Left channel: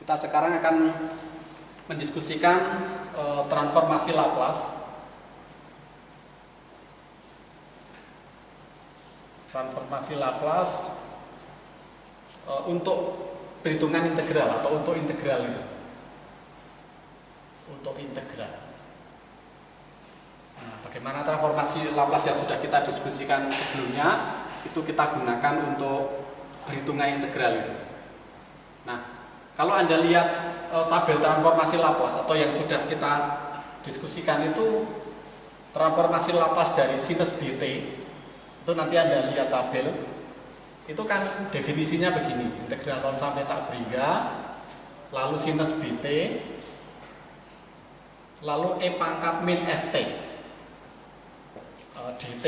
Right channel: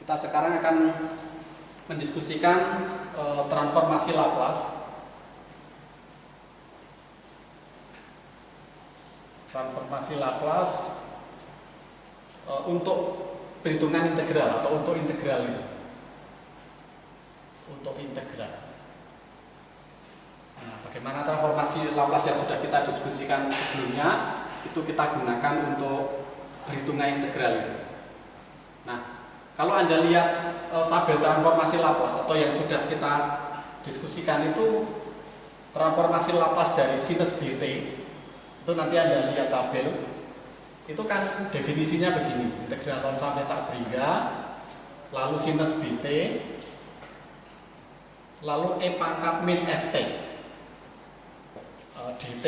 Kita sekarang akan mendiskusikan transformasi Laplace. Transformasi Laplace untuk perhitungan integral atau untuk integral itu. Untuk integral. Nah, bagaimana transformasi Laplace yang sudah kita diskusikan sebelumnya itu kita gunakan untuk perhitungan integral itu. Nah, kalau Anda lihat tabel transformasi Laplace atau yang sudah kita diskusikan itu transformasi Laplace dari sinus bt, itu nanti Anda lihat tabel, itu kan definisinya begini, integral 0 sampai tak berhingga, lalu sinus bt, lalu e pangkat min st dt.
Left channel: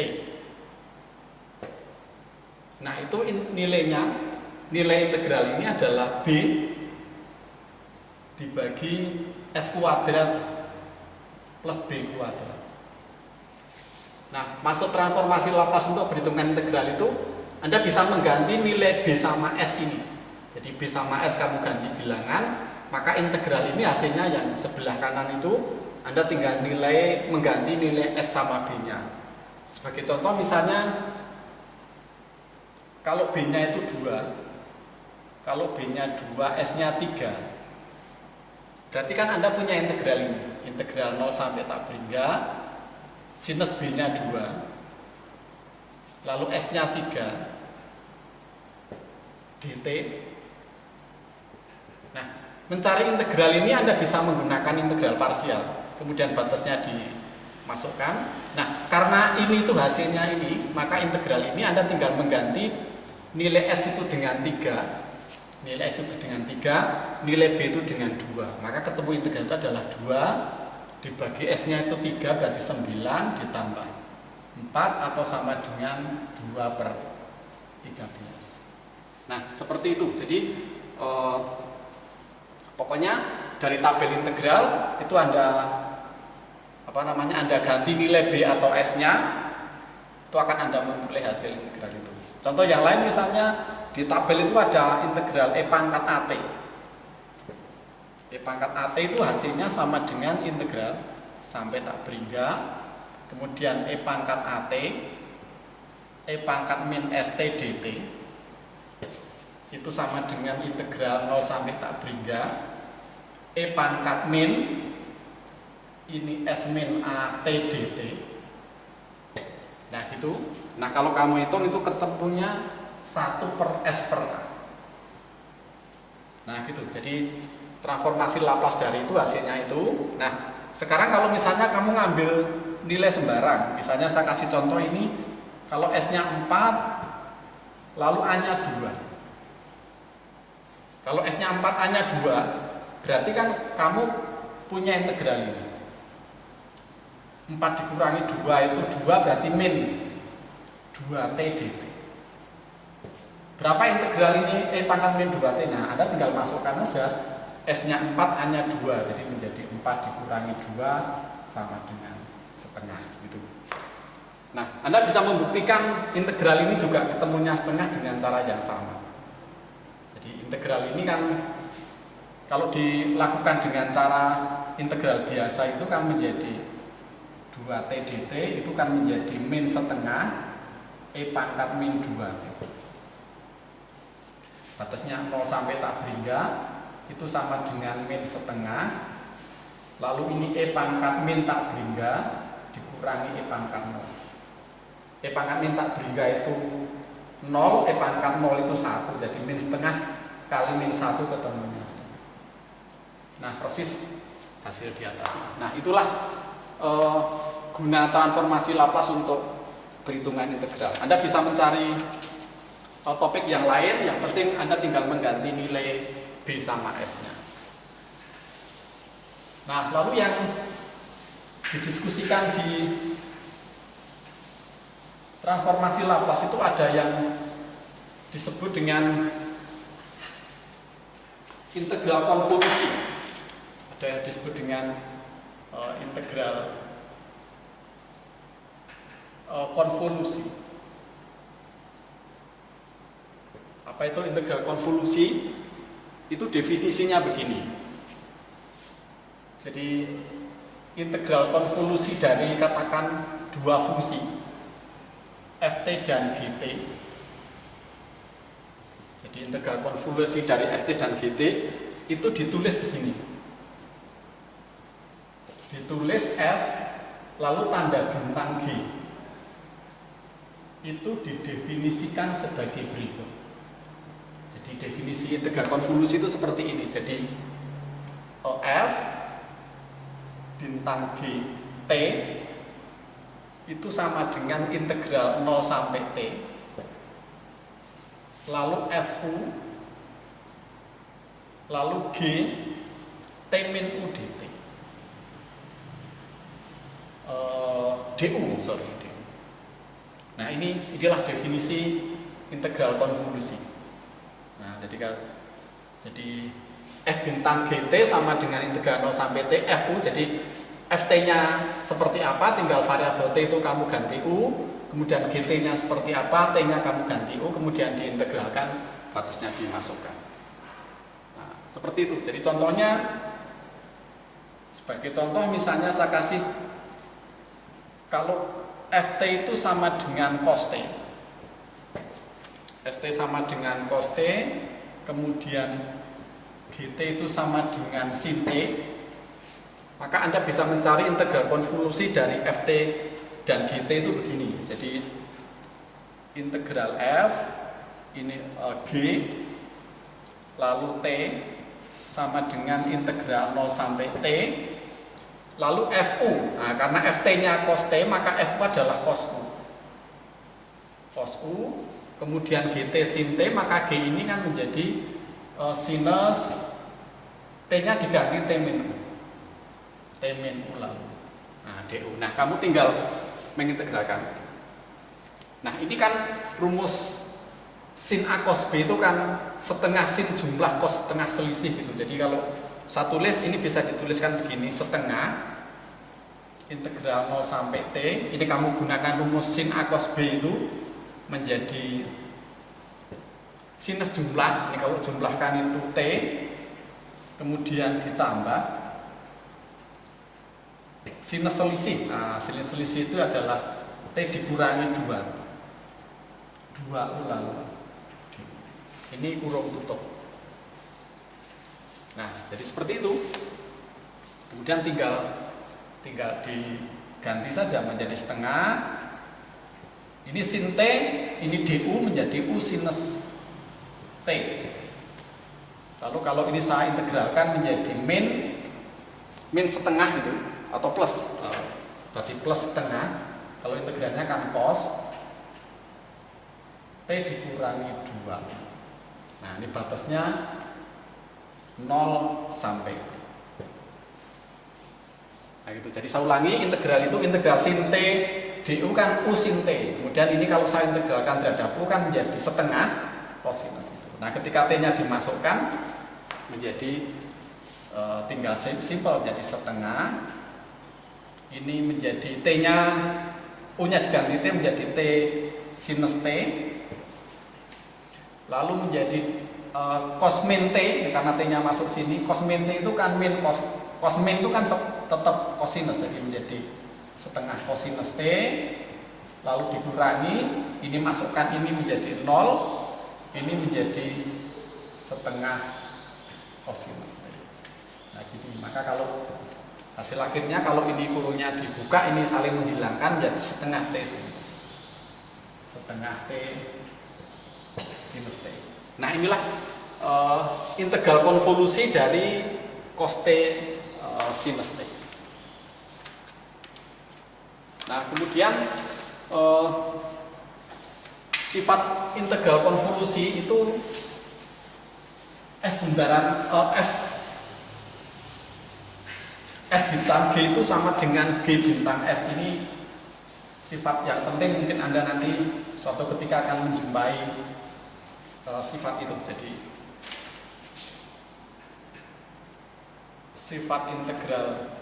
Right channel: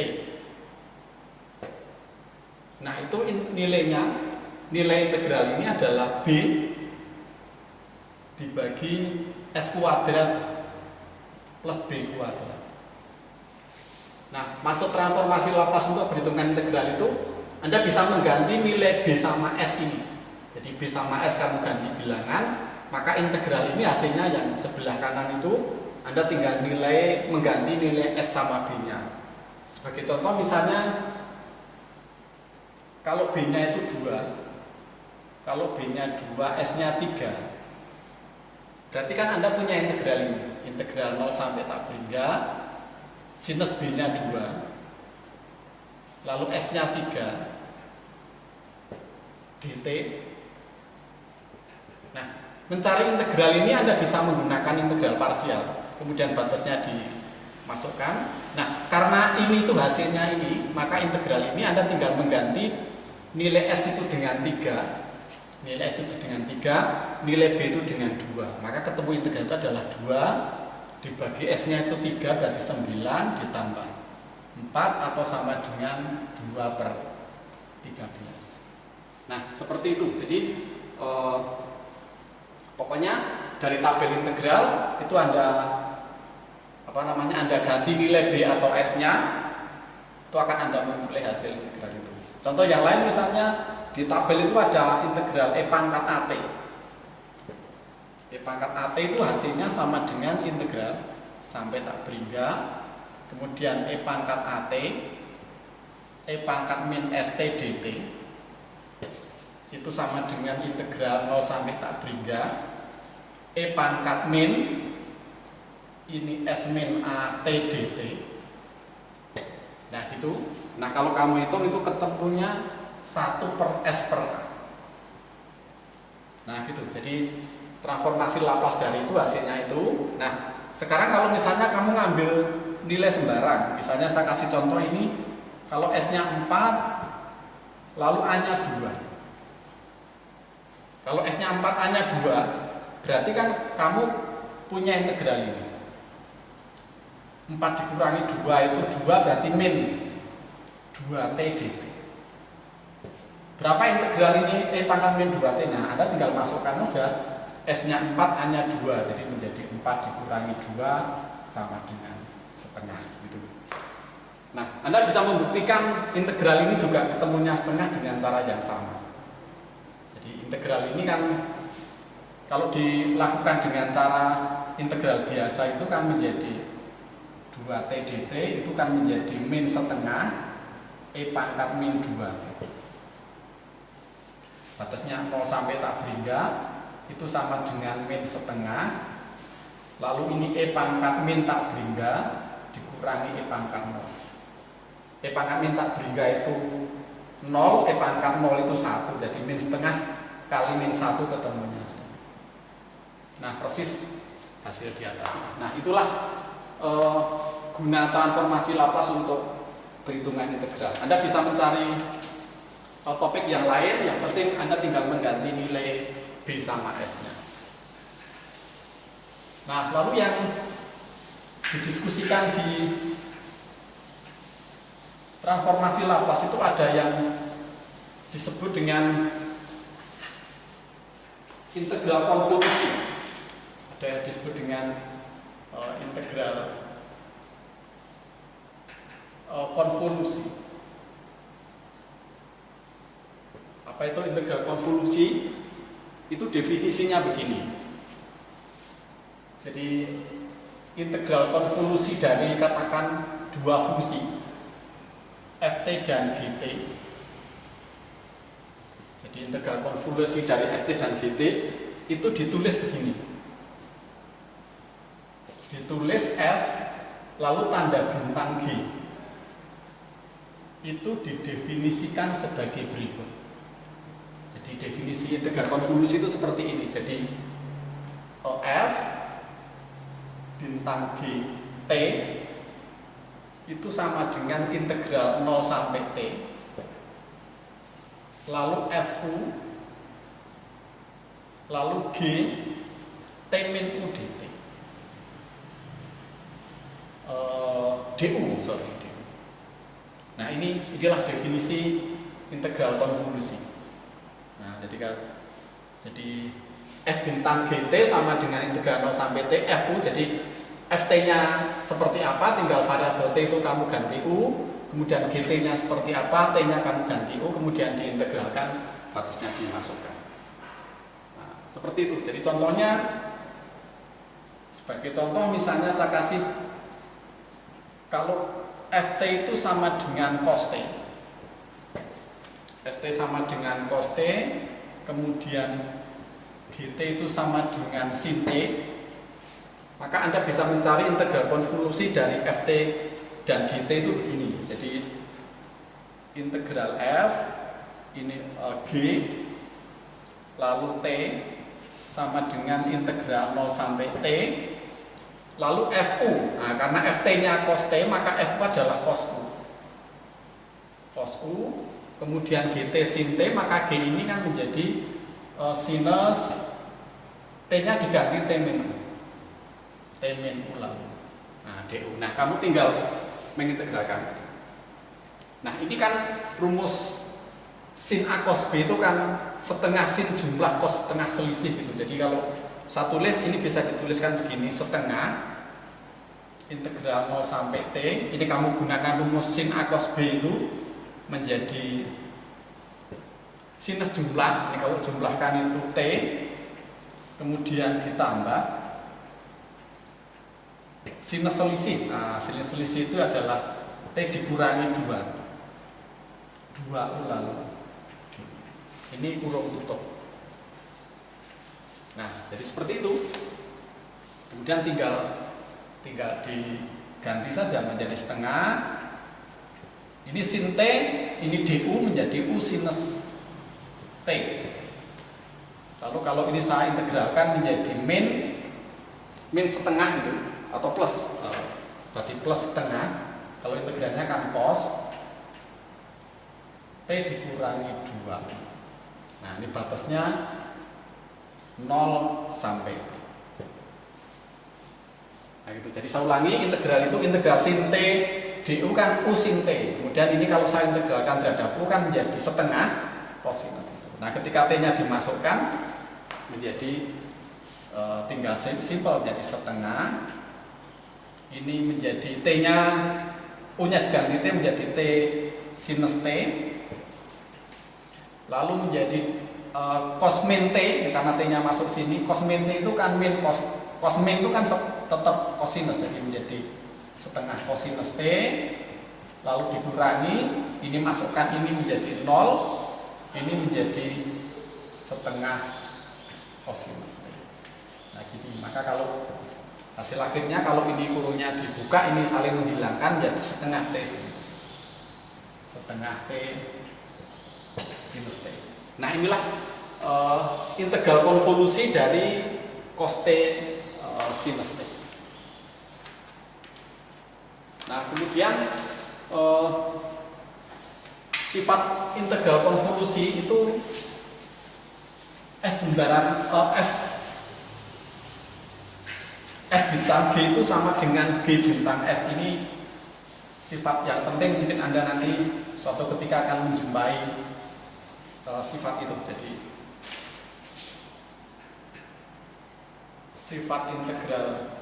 Nah, itu nilainya, nilai integral ini adalah b dibagi s kuadrat plus b kuadrat. Nah, maksud transformasi Laplace untuk perhitungan integral itu Anda bisa mengganti nilai b sama s ini. Jadi b sama s kamu ganti bilangan, maka integral ini hasilnya yang sebelah kanan itu Anda tinggal mengganti nilai s sama b nya. Sebagai contoh misalnya kalau b nya itu 2, kalau b nya 2, s nya 3, berarti kan Anda punya integral ini, integral 0 sampai tak berhingga, sinus b nya 2, lalu s nya 3, dt. Nah, mencari integral ini Anda bisa menggunakan integral parsial, kemudian batasnya dimasukkan. Nah, karena ini tuh hasilnya ini, maka integral ini Anda tinggal mengganti nilai s itu dengan 3, nilai s itu dengan 3, nilai b itu dengan 2, maka ketemu integral itu adalah 2 dibagi s nya itu 3, berarti 9 ditambah 4 atau sama dengan 2/13. Nah, seperti itu. Jadi pokoknya dari tabel integral itu Anda Anda ganti nilai b atau s nya, itu akan Anda memperoleh hasil integral itu. Contoh yang lain misalnya di tabel itu ada integral e pangkat at. E pangkat at itu hasilnya sama dengan integral sampai tak berhingga, kemudian e pangkat at, e pangkat min st dt itu sama dengan integral 0 sampai tak berhingga, e pangkat min ini s min at dt. Nah gitu. Nah, kalau kamu hitung itu ketemunya 1/s/a. Nah gitu. Jadi transformasi Laplace dari itu hasilnya itu. Nah, sekarang kalau misalnya kamu ngambil nilai sembarang, misalnya saya kasih contoh ini, kalau s nya 4 lalu a nya 2. Kalau s nya 4 a nya 2, berarti kan kamu punya integral ini. 4 dikurangi 2 itu 2, berarti min 2t dt. Berapa integral ini e pangkat min 2t? Nah, Anda tinggal masukkan aja s nya 4, a nya 2, jadi menjadi 4 dikurangi 2 sama dengan setengah gitu. Nah, Anda bisa membuktikan integral ini juga ketemunya setengah dengan cara yang sama. Jadi integral ini kan kalau dilakukan dengan cara integral biasa itu kan menjadi 2t dt, itu kan menjadi min setengah e pangkat min 2. Batasnya 0 sampai tak berhingga itu sama dengan min setengah, lalu ini e pangkat min tak berhingga dikurangi e pangkat 0. E pangkat min tak berhingga itu 0, e pangkat 0 itu 1, jadi min setengah kali min 1 ketemunya setengah. Nah, persis hasil di atas. Nah, itulah guna transformasi Laplace untuk perhitungan integral. Anda bisa mencari topik yang lain, yang penting Anda tinggal mengganti nilai b sama s nya. Nah, lalu yang didiskusikan di transformasi Laplace itu ada yang disebut dengan integral konvolusi, ada yang disebut dengan integral konvolusi. Apa itu integral konvolusi? itu definisinya begini. Jadi integral konvolusi dari katakan dua fungsi ft dan gt. Jadi integral konvolusi dari ft dan gt itu ditulis begini. Ditulis f lalu tanda bintang g. Itu didefinisikan sebagai berikut. Jadi definisi integral konvolusi itu seperti ini. Jadi f bintang g t itu sama dengan integral 0 sampai t. Lalu fu lalu g t min u dt. Du, sorry. Nah, inilah definisi integral konvolusi. Nah, jadi f bintang gt sama dengan integral 0 sampai t fu. Jadi ft-nya seperti apa, tinggal variabel t itu kamu ganti u, kemudian gt-nya seperti apa, t-nya kamu ganti u, kemudian diintegralkan, batasnya dimasukkan. Nah, seperti itu. Jadi contohnya, sebagai contoh misalnya saya kasih, kalau ft itu sama dengan cos t, ft sama dengan cos t, kemudian gt itu sama dengan sin t, maka Anda bisa mencari integral konvolusi dari ft dan gt itu begini. Jadi integral f ini g lalu t sama dengan integral 0 sampai t lalu fu. Nah, karena ft-nya cos t maka fu adalah cos u. Cos u, kemudian gt sin t, maka g ini kan menjadi sinus t-nya diganti t min u. T min u lalu. Nah, du. Nah, kamu tinggal mengintegralkan. Nah, ini kan rumus sin a cos b itu kan setengah sin jumlah cos setengah selisih gitu. Jadi kalau saya tulis ini bisa dituliskan begini, setengah integral 0 sampai t. Ini kamu gunakan rumus sin a cos b itu menjadi sinus jumlah. Ini kalau jumlahkan itu t, kemudian ditambah sinus selisih. Nah, sinus selisih itu adalah t dikurangi 2 lalu ini kurung tutup. Nah, jadi seperti itu. Kemudian tinggal diganti saja menjadi setengah. Ini sin t, ini du menjadi u sinus t. Lalu kalau ini saya integralkan menjadi min setengah itu atau plus, berarti plus setengah. Kalau integralnya kan cos t dikurangi 2. Nah, ini batasnya 0 sampai t. Nah, gitu. Jadi saya ulangi, integral itu integral sin t du kan u sin t. Kemudian ini kalau saya integralkan terhadap u kan menjadi setengah kosinus itu. Nah, ketika t-nya dimasukkan menjadi tinggal simpel menjadi setengah. Ini menjadi t-nya, u-nya diganti t menjadi t sinus t. Lalu menjadi cos min t, karena t-nya masuk sini. Cos min t itu kan min cos min itu kan tetap kosinus, jadi menjadi setengah kosinus t. Lalu dikurangi, ini masukkan ini menjadi 0, ini menjadi setengah kosinus t. Nah, gini. Maka kalau hasil akhirnya kalau ini kurungnya dibuka, ini saling menghilangkan jadi setengah t sini. Setengah t sinus t. Nah, inilah integral konvolusi dari cos t sinus t. Nah, kemudian sifat integral konvolusi itu bundaran f bintang g itu sama dengan g bintang f. Ini sifat yang penting, mungkin Anda nanti suatu ketika akan menjumpai sifat itu. Jadi sifat integral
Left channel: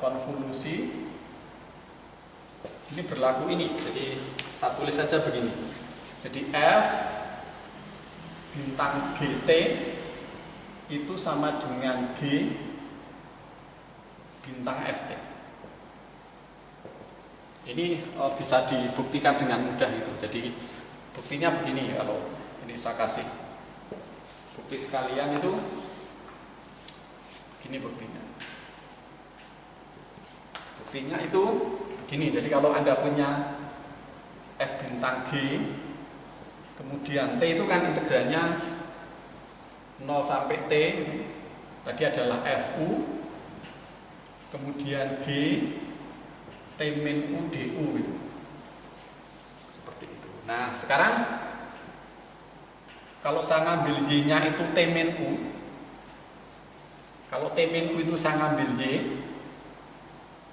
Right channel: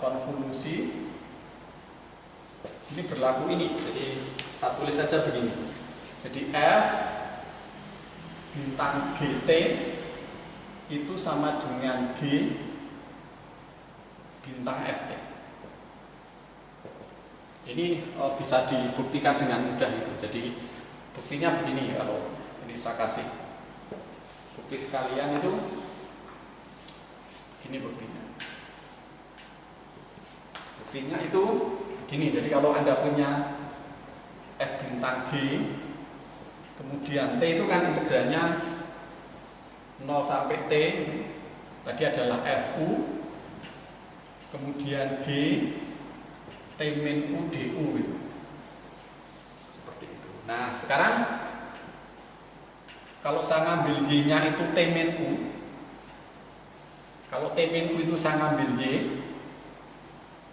konvolusi ini berlaku ini. Jadi saya tulis saja begini. Jadi f bintang GT itu sama dengan G bintang FT. Ini bisa dibuktikan dengan mudah itu. Jadi buktinya begini, kalau ini saya kasih bukti sekalian itu, ini buktinya. Buktinya itu begini. Jadi kalau Anda punya F bintang G, kemudian T itu kan integralnya 0 sampai T, tadi adalah FU, kemudian G T min U DU gitu. Seperti itu. Nah, sekarang kalau saya ngambil Y-nya itu T min U, kalau T min U itu saya ngambil Y,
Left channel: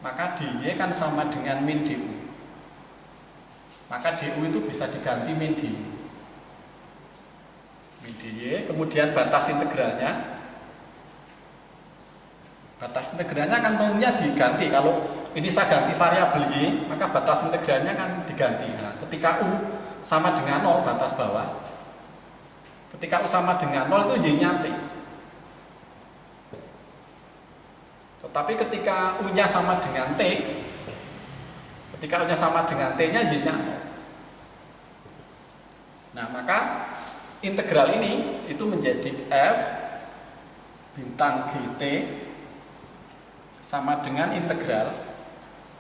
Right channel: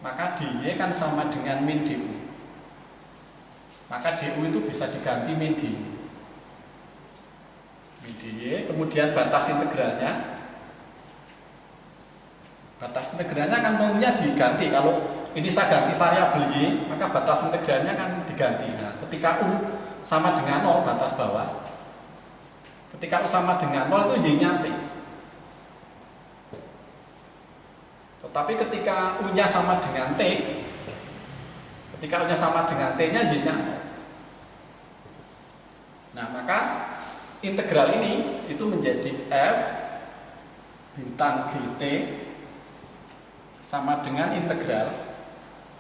maka dy kan sama dengan min du. Maka du itu bisa diganti min dy. Min dy, kemudian batas integralnya. Batas integralnya kan tentunya diganti. Kalau ini saya ganti variabel y, maka batas integralnya kan diganti. Nah, ketika u sama dengan 0 batas bawah, ketika u sama dengan 0 itu y-nya t. Tetapi ketika u-nya sama dengan t, ketika u-nya sama dengan t-nya y-nya 0. Nah, maka integral ini itu menjadi f bintang gt sama dengan integral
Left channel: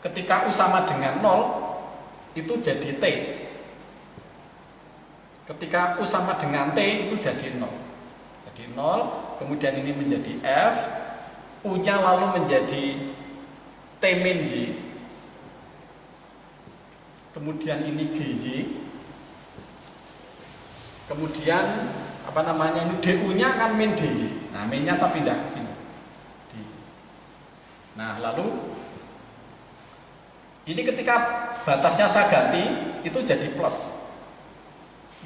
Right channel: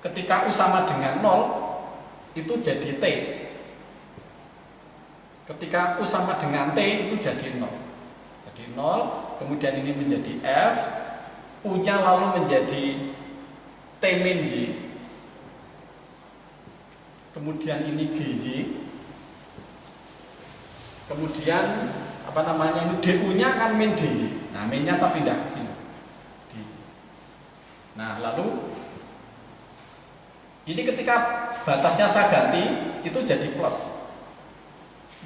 ketika u sama dengan 0 itu jadi t. Ketika u sama dengan t itu jadi 0. Jadi 0, kemudian ini menjadi f, u-nya lalu menjadi t min y. Kemudian ini gy. Kemudian apa namanya ini du-nya kan min dy. Nah, min-nya saya pindah ke sini. Nah, lalu ini ketika batasnya saya ganti itu jadi plus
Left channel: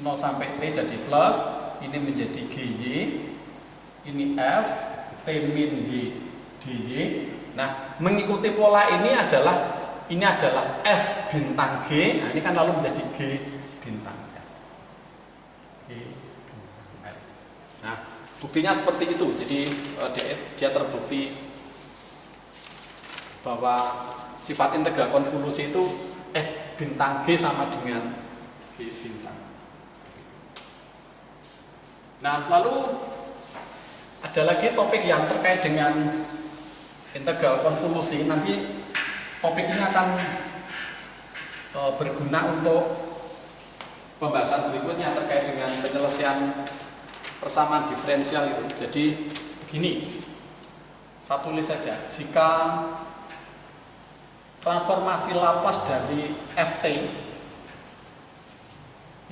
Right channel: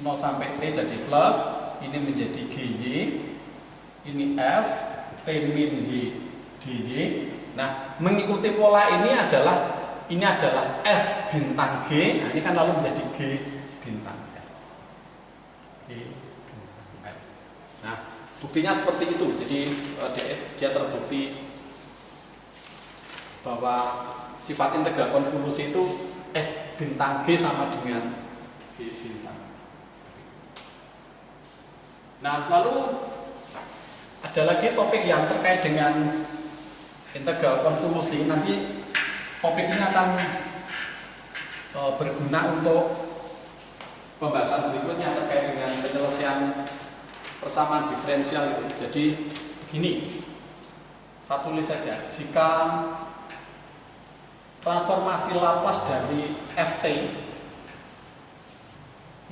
0 sampai T jadi plus, ini menjadi GY, ini F T min Y dy. Nah, mengikuti pola ini adalah F bintang G. Nah, ini kan lalu menjadi G bintang F. G bintang F. Nah, buktinya seperti itu. Jadi dia terbukti bahwa sifat integral konvolusi itu F bintang G sama dengan G bintang. Nah, lalu ada lagi topik yang terkait dengan integral konvolusi. Nanti topik ini akan berguna untuk pembahasan berikutnya terkait dengan penyelesaian persamaan diferensial itu. Jadi begini, saya tulis saja, jika transformasi Laplace dari Ft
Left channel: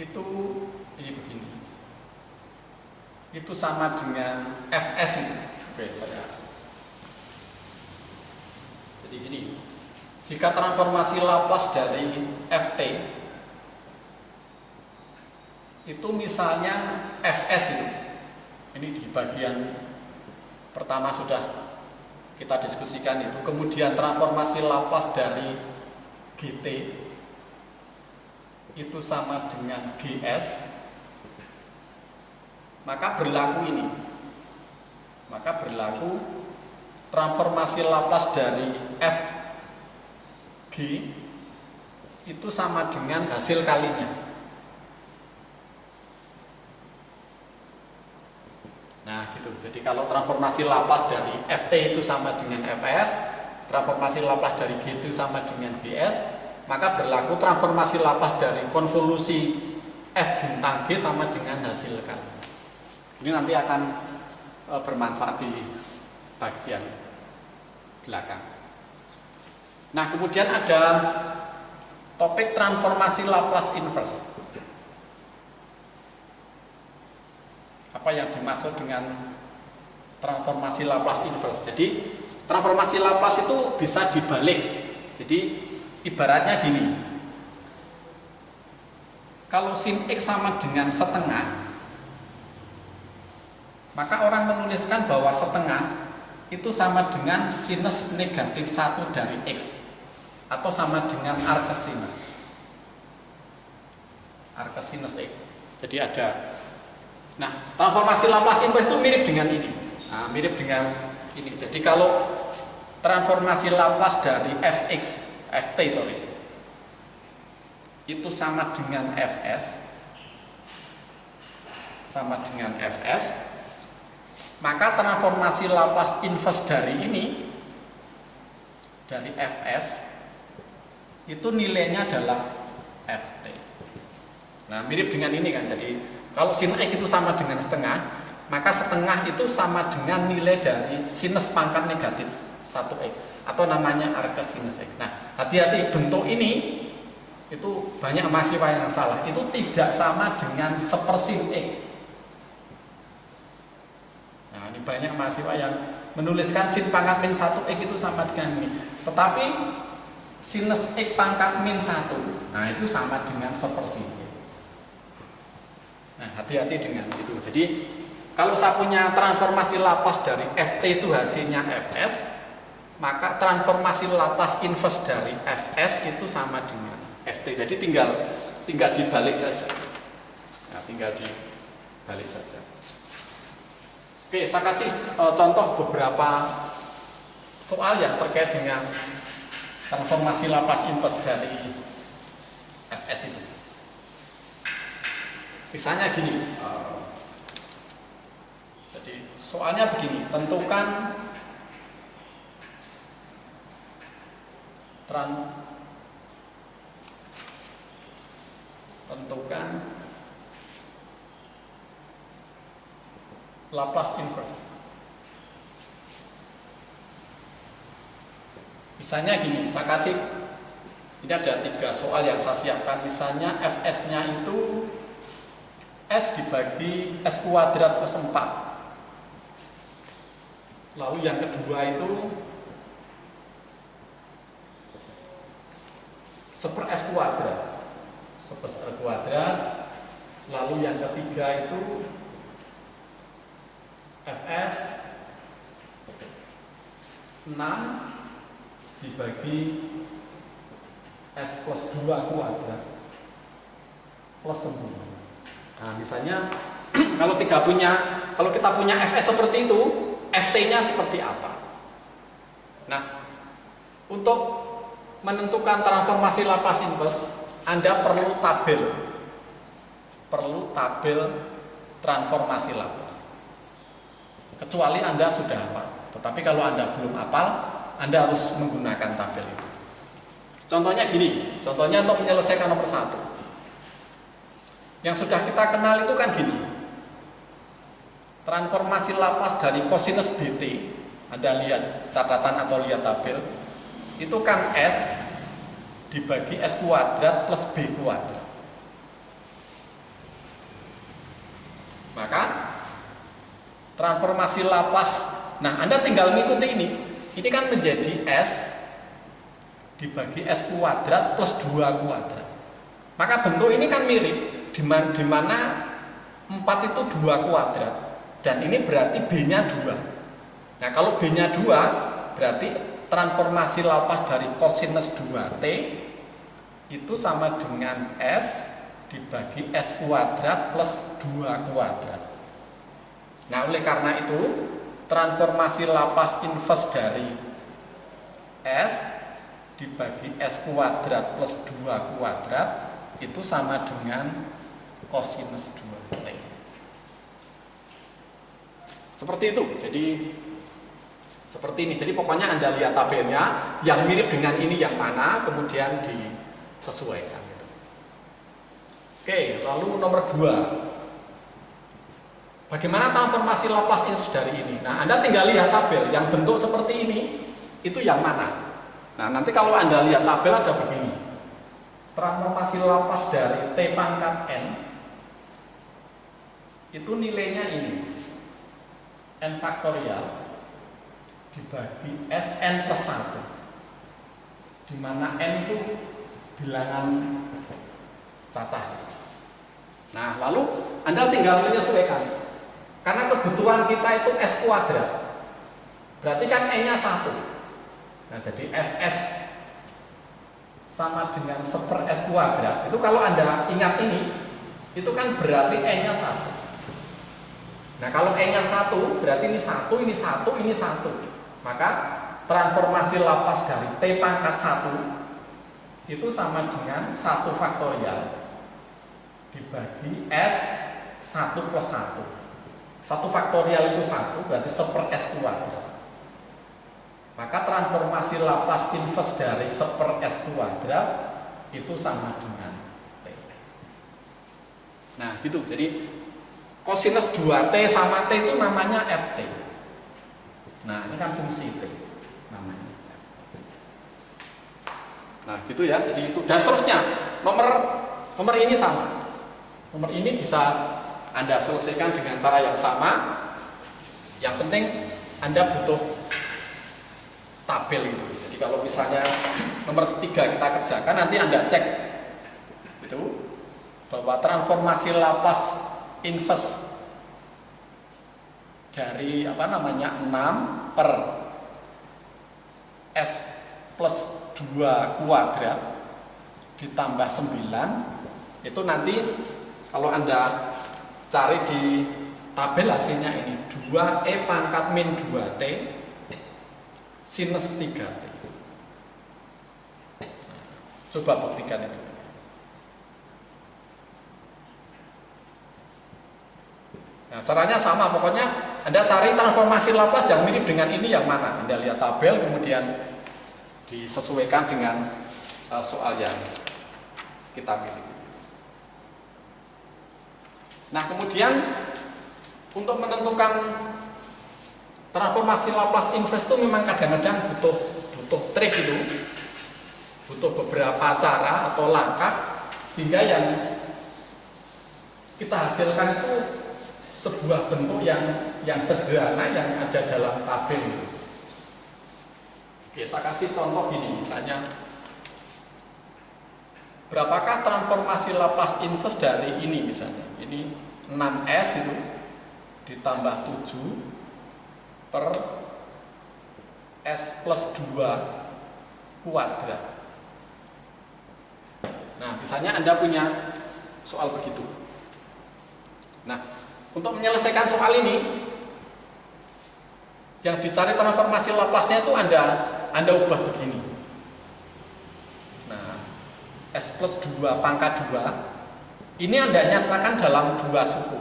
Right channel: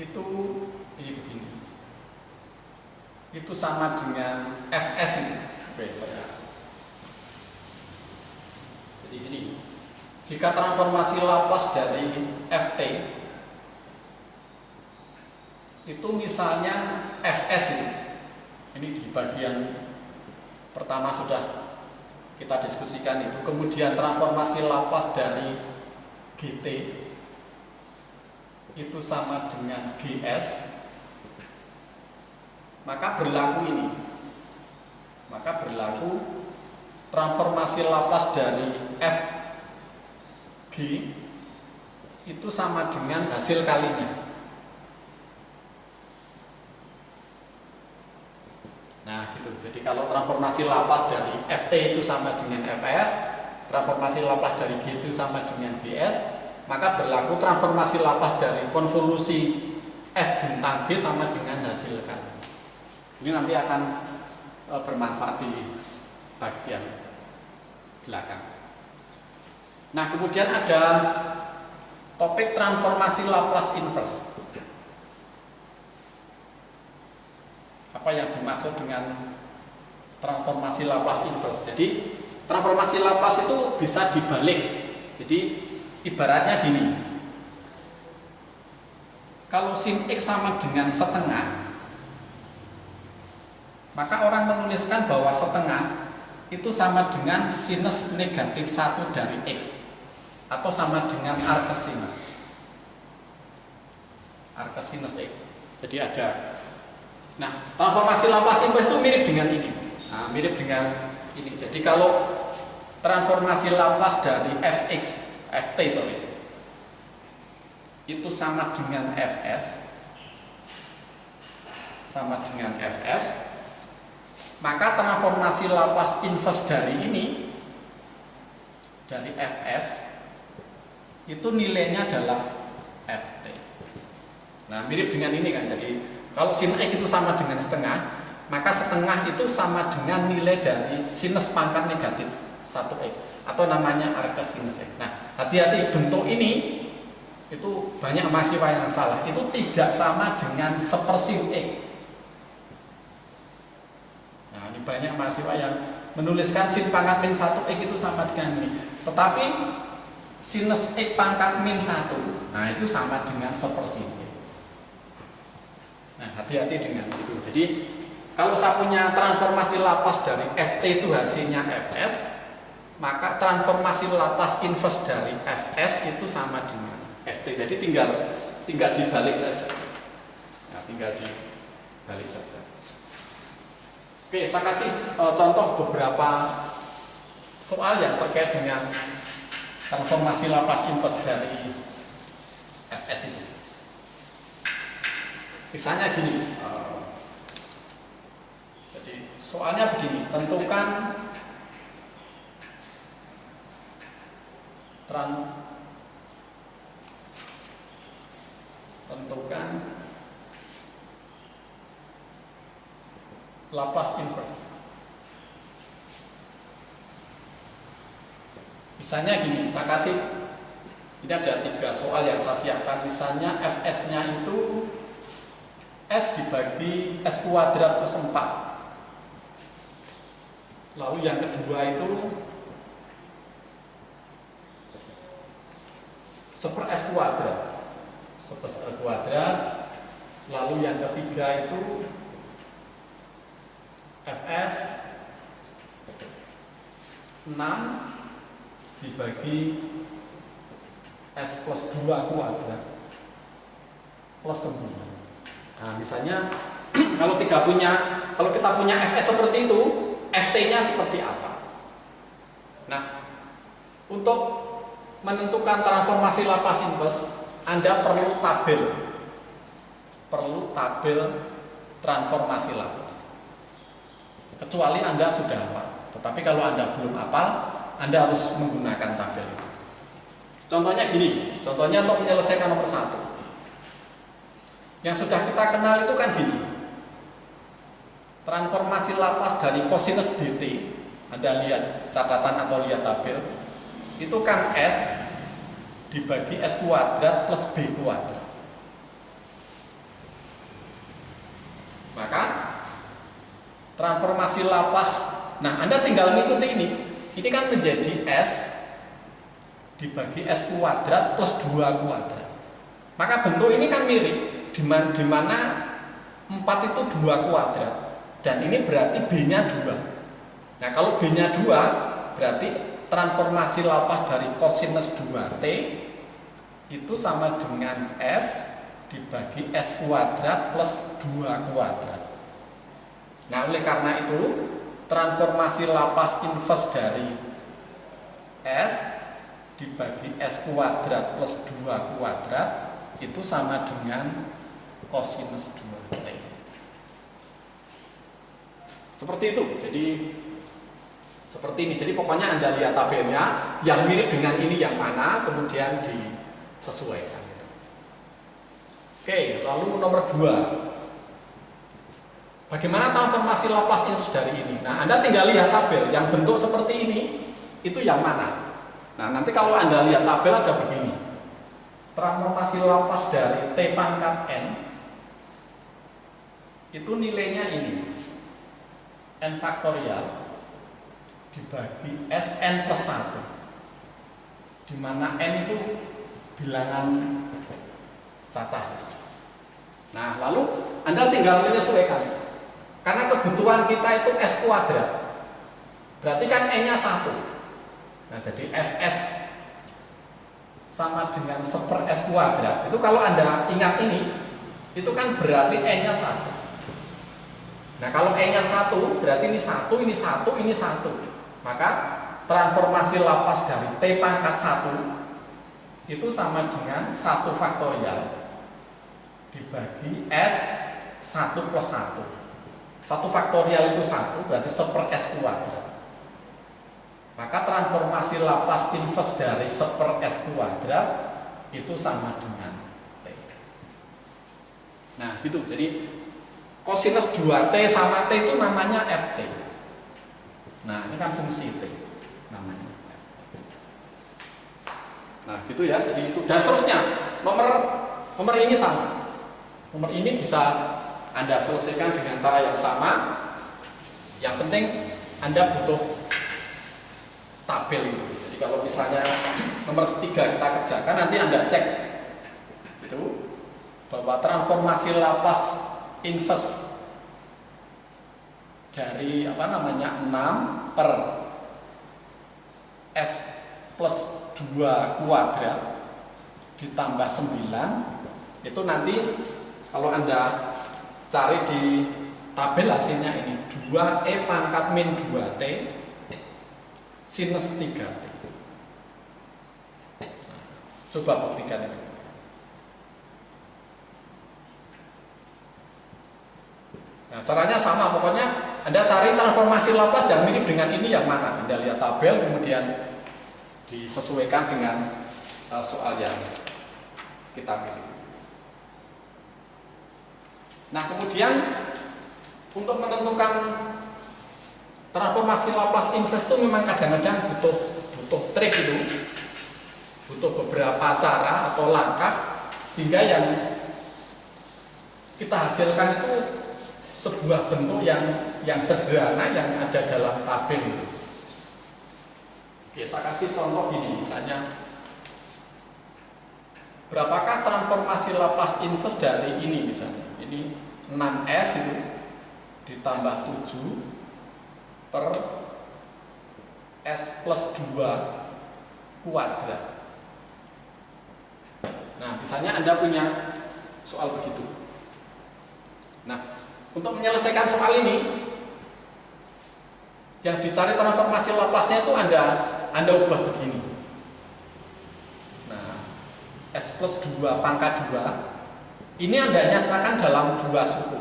itu ini begini, itu sama dengan Fs ini. Oke, jadi gini, jika transformasi Laplace dari Ft itu misalnya Fs ini di bagian pertama sudah kita diskusikan itu, kemudian transformasi Laplace dari GT itu sama dengan GS, maka berlaku ini, maka berlaku transformasi Laplace dari Fg itu sama dengan hasil kalinya. Nah, gitu. Jadi kalau transformasi Laplace dari Ft itu sama dengan Fs, transformasi Laplace dari G itu sama dengan Gs, maka berlaku transformasi Laplace dari konvolusi F bintang G sama dengan hasil kali. Ini nanti akan bermanfaat di bagian belakang. Nah, kemudian ada topik transformasi Laplace inverse. Apa yang dimaksud dengan transformasi Laplace inverse? Jadi transformasi Laplace itu bisa dibalik. Jadi ibaratnya gini, kalau sin X sama dengan setengah, maka orang menuliskan bahwa setengah itu sama dengan sinus negatif 1 dari X, atau sama dengan arcsinus X. Jadi ada Nah, transformasi Laplace inverse itu mirip dengan ini. Nah, mirip dengan ini. Jadi kalau transformasi Laplace dari ft itu sama dengan fs, maka transformasi Laplace inverse dari ini, dari fs, itu nilainya adalah ft. Nah, mirip dengan ini kan. Jadi kalau sin x itu sama dengan setengah, maka setengah itu sama dengan nilai dari sinus pangkat negatif 1x, atau namanya arc sinus x. Nah, hati-hati, bentuk ini itu banyak mahasiswa yang salah. Itu tidak sama dengan sepersin x. Nah, ini banyak mahasiswa yang menuliskan sin pangkat min 1x itu sama dengan ini. Tetapi sinus x pangkat min 1, nah itu sama dengan sepersin x. Nah, hati-hati dengan itu. Jadi kalau saya punya transformasi Laplace dari ft itu hasilnya fs, maka transformasi Laplace inverse dari fs itu sama dengan ft. Jadi tinggal dibalik saja. Nah, tinggal dibalik saja. Oke, saya kasih contoh beberapa soal yang terkait dengan transformasi Laplace inverse dari fs itu. Misalnya gini, jadi soalnya begini, tentukan Laplace inverse. Misalnya gini, saya kasih, ini ada 3 soal yang saya siapkan. Misalnya fs-nya itu S dibagi S kuadrat plus 4. Lalu yang kedua itu seper S kuadrat. Seper kuadrat. Lalu yang ketiga itu Fs 6 dibagi S plus 2 kuadrat plus 9. Nah, misalnya kalau kita punya fs seperti itu, ft-nya seperti apa? Nah, untuk menentukan transformasi Laplace inverse, Anda perlu tabel transformasi Laplace. Kecuali Anda sudah hafal. Tetapi kalau Anda belum hafal, Anda harus menggunakan tabel itu. Contohnya gini, contohnya untuk menyelesaikan nomor 1. Yang sudah kita kenal itu kan gini, transformasi Laplace dari cosinus bt, Anda lihat catatan atau lihat tabel, itu kan S dibagi S kuadrat plus B kuadrat. Maka transformasi Laplace, nah Anda tinggal mengikuti ini kan menjadi S dibagi S kuadrat plus 2 kuadrat. Maka bentuk ini kan mirip, di mana 4 itu 2 kuadrat, dan ini berarti B-nya 2. Nah, kalau B-nya 2, berarti transformasi Laplace dari cosinus 2T itu sama dengan S dibagi S kuadrat plus 2 kuadrat. Nah, oleh karena itu transformasi Laplace inverse dari S dibagi S kuadrat plus 2 kuadrat itu sama dengan cosinus 2T. Seperti itu. Jadi seperti ini. Jadi pokoknya Anda lihat tabelnya, yang mirip dengan ini yang mana, kemudian disesuaikan. Oke, lalu nomor 2. Bagaimana transformasi Laplace inverse dari ini? Nah, Anda tinggal lihat tabel yang bentuk seperti ini, itu yang mana? Nah, nanti kalau Anda lihat tabel ada begini. Transformasi Laplace dari T pangkat N itu nilainya ini, N faktorial dibagi Sn plus 1, di mana N itu bilangan cacah. Nah, lalu Anda tinggal menyesuaikan, karena kebutuhan kita itu S kuadrat, berarti kan N nya 1. Nah, jadi Fs sama dengan seper S kuadrat. Itu kalau Anda ingat ini, itu kan berarti N nya 1. Nah kalau E-nya 1 berarti ini 1, ini 1, ini 1. Maka transformasi lapas dari T pangkat 1 itu sama dengan 1 faktorial dibagi S 1 plus 1. 1 faktorial itu 1 berarti 1/S kuadrat. Maka transformasi lapas inverse dari 1/S kuadrat itu sama dengan T. Nah gitu, jadi kosinus 2T sama T itu namanya Ft. Nah ini kan fungsi T namanya. Nah gitu ya, jadi itu. Dan seterusnya nomor ini sama. Nomor ini bisa Anda selesaikan dengan cara yang sama. Yang penting Anda butuh tabel itu. Jadi kalau misalnya nomor 3 kita kerjakan, nanti Anda cek itu bahwa transformasi lapas inverse dari 6 per S plus 2 kuadrat ditambah 9 itu nanti kalau Anda cari di tabel hasilnya ini 2E pangkat min 2T sinus 3T. Coba buktikan itu. Nah, caranya sama, pokoknya Anda cari transformasi lapas yang mirip dengan ini yang mana. Anda lihat tabel, kemudian disesuaikan dengan soal yang kita pilih. Nah, kemudian untuk menentukan transformasi Laplace inverse itu memang kadang-kadang butuh trik itu, butuh beberapa cara atau langkah sehingga yang kita hasilkan itu sebuah bentuk yang sederhana yang ada dalam tabel itu. Oke, saya kasih contoh gini, misalnya berapakah transformasi Laplace inverse dari ini misalnya? Ini 6S itu ditambah 7 per S plus 2 kuadrat. Nah, misalnya Anda punya soal begitu. Nah, untuk menyelesaikan soal ini, yang dicari transformasi Laplace-nya itu Anda ubah begini. Nah, S plus 2 pangkat 2 ini Anda nyatakan dalam 2 suku.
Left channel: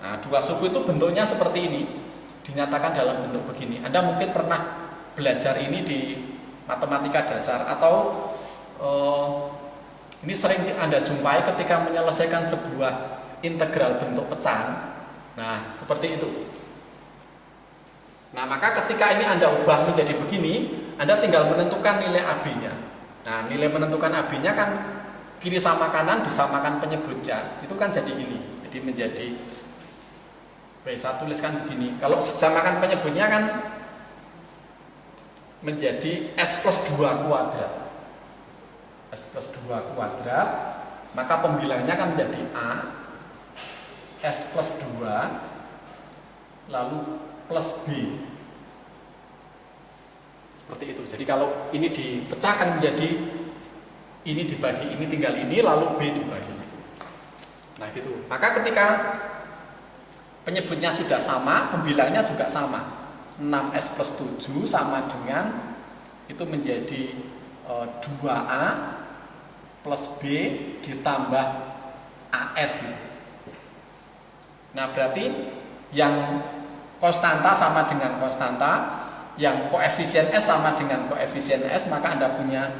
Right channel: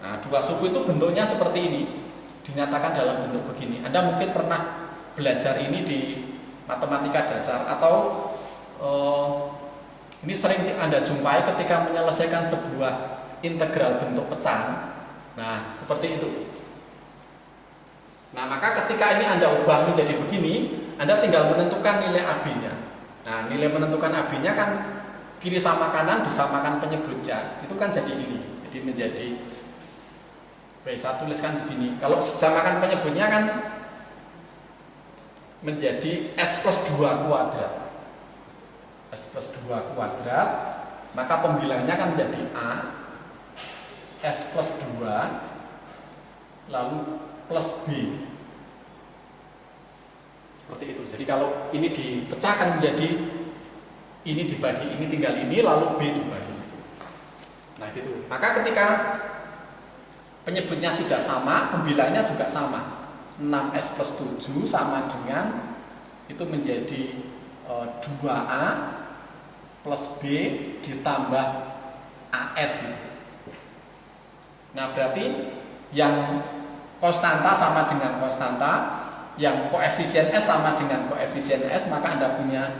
Nah, 2 suku itu bentuknya seperti ini, dinyatakan dalam bentuk begini. Anda mungkin pernah belajar ini di matematika dasar atau ini sering Anda jumpai ketika menyelesaikan sebuah integral bentuk pecahan. Nah, seperti itu. Nah, maka ketika ini Anda ubah menjadi begini, Anda tinggal menentukan nilai AB-nya. Nah, nilai menentukan AB-nya kan kiri sama kanan disamakan penyebutnya. Itu kan jadi gini. Jadi menjadi saya tuliskan begini. Kalau samakan penyebutnya kan menjadi S plus 2 kuadrat. S plus 2 kuadrat, maka pembilangnya kan menjadi A S plus 2 lalu plus B. Seperti itu. Jadi kalau ini dipecahkan menjadi ini dibagi ini tinggal ini lalu B dibagi. Nah gitu. Maka ketika penyebutnya sudah sama, pembilangnya juga sama. 6S plus 7 sama dengan itu menjadi 2A plus B ditambah AS. Nah berarti yang konstanta sama dengan konstanta, yang koefisien S sama dengan koefisien S, maka Anda punya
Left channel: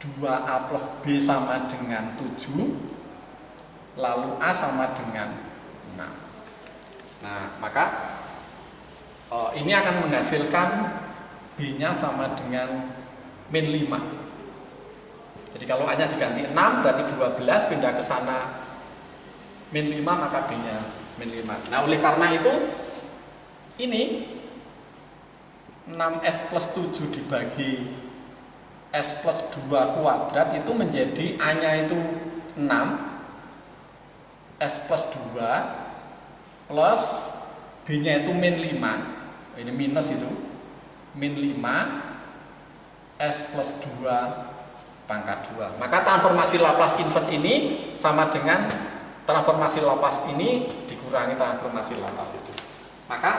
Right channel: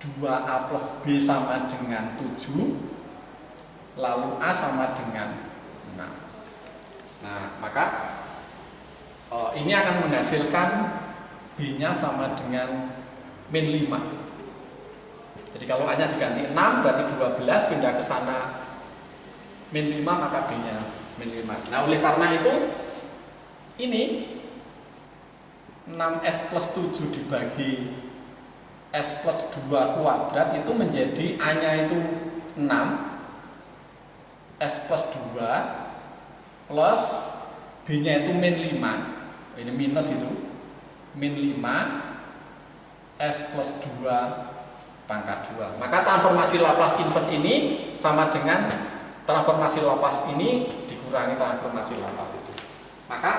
2A plus B sama dengan 7, lalu A sama dengan 6. Nah maka ini akan menghasilkan B-nya sama dengan min 5. Jadi kalau A-nya diganti 6 berarti 12, pindah ke sana min 5 maka B-nya min 5. Nah oleh karena itu ini 6S plus 7 dibagi S plus 2 kuadrat itu menjadi A-nya itu 6 S plus 2 plus B-nya itu min 5. Ini minus itu min 5 S plus 2 pangkat 2. Maka transformasi Laplace inverse ini sama dengan transformasi Laplace ini dikurangi transformasi lapas itu. Maka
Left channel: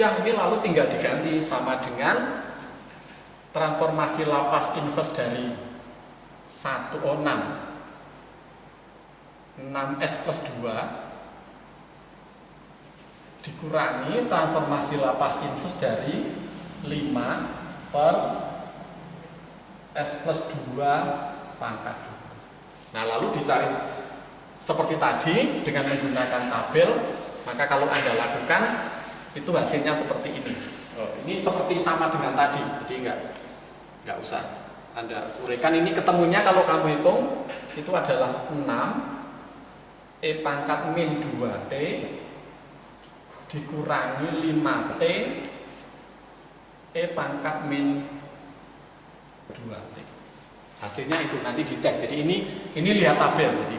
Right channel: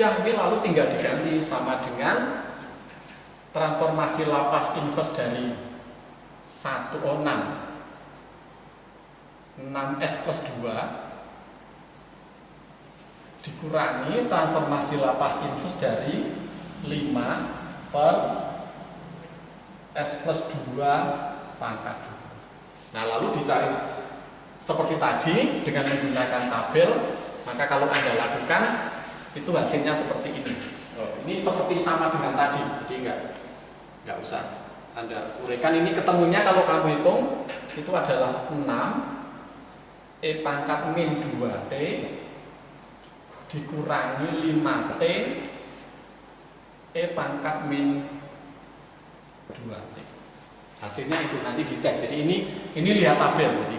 udah ini lalu tinggal diganti sama dengan transformasi lapas inverse dari 6 6S plus 2 dikurangi transformasi lapas inverse dari 5 per S plus 2 pangkat 2. Nah lalu dicari seperti tadi dengan menggunakan tabel. Maka kalau Anda lakukan itu hasilnya seperti ini. Ini seperti sama dengan tadi, jadi nggak usah Anda uraikan. Ini ketemunya kalau kamu hitung itu adalah 6 E pangkat min 2T dikurangi 5T E pangkat min 2T. Hasilnya itu nanti dicek. Jadi ini lihat tabel. Jadi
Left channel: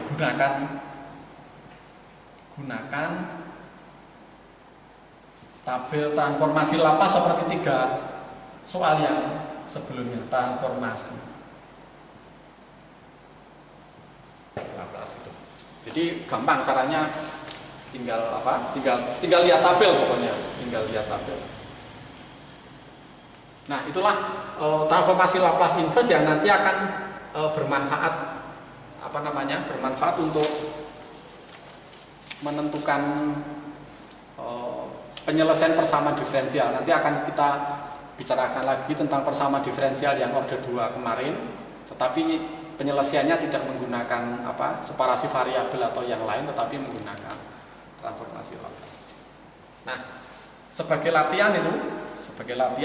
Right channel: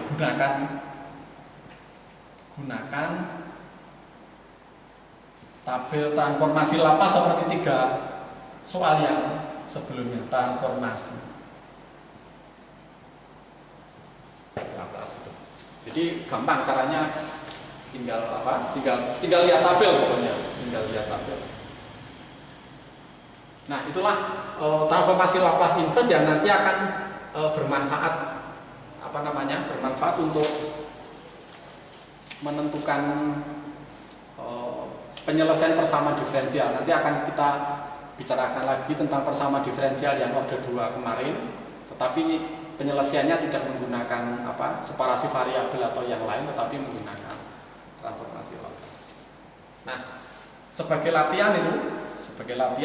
gunakan tabel transformasi lapas seperti 3 soal yang sebelumnya. Transformasi lapas itu. Jadi gampang caranya, tinggal lihat tabel pokoknya, tinggal lihat tabel. Nah, itulah transformasi lapas inverse yang nanti akan bermanfaat bermanfaat untuk menentukan penyelesaian persamaan diferensial. Nanti akan kita bicarakan lagi tentang persamaan diferensial yang order 2 kemarin, tetapi penyelesaiannya tidak menggunakan separasi variabel atau yang lain, tetapi menggunakan transformasi lapas. Nah, sebagai latihan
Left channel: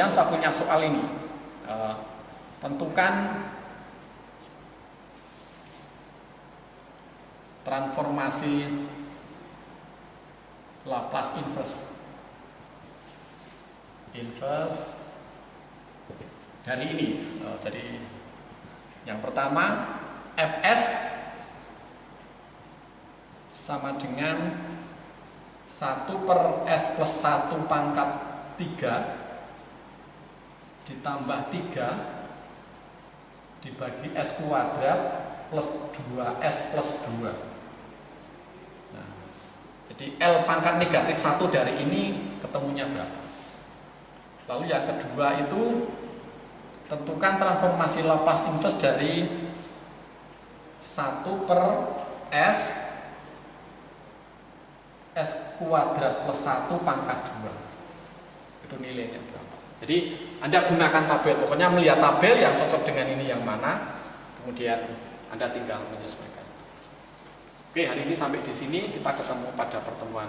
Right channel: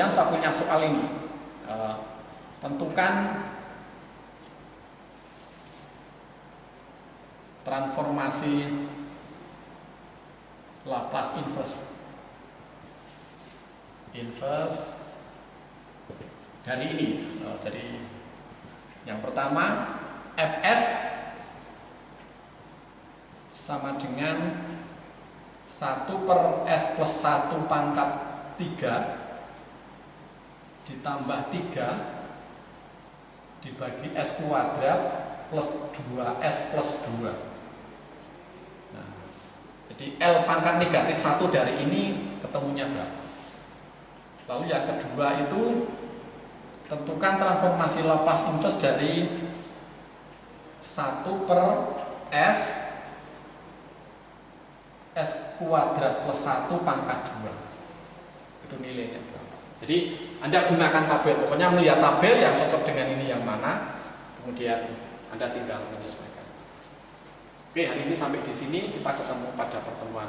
saya punya soal ini. Tentukan transformasi lapas inverse dari ini. Jadi yang pertama Fs sama dengan 1 per S plus 1 pangkat 3 ditambah 3 dibagi S kuadrat plus 2S plus 2. Nah, jadi L pangkat negatif 1 dari ini ketemunya berapa? Lalu yang kedua itu tentukan transformasi lapas inverse dari 1 per S kuadrat plus 1 pangkat 2. Itu nilainya berapa? Jadi Anda gunakan tabel, pokoknya melihat tabel yang cocok dengan ini yang mana, kemudian Anda tinggal menyesuaikan. Oke, hari ini sampai di sini, kita ketemu pada pertemuan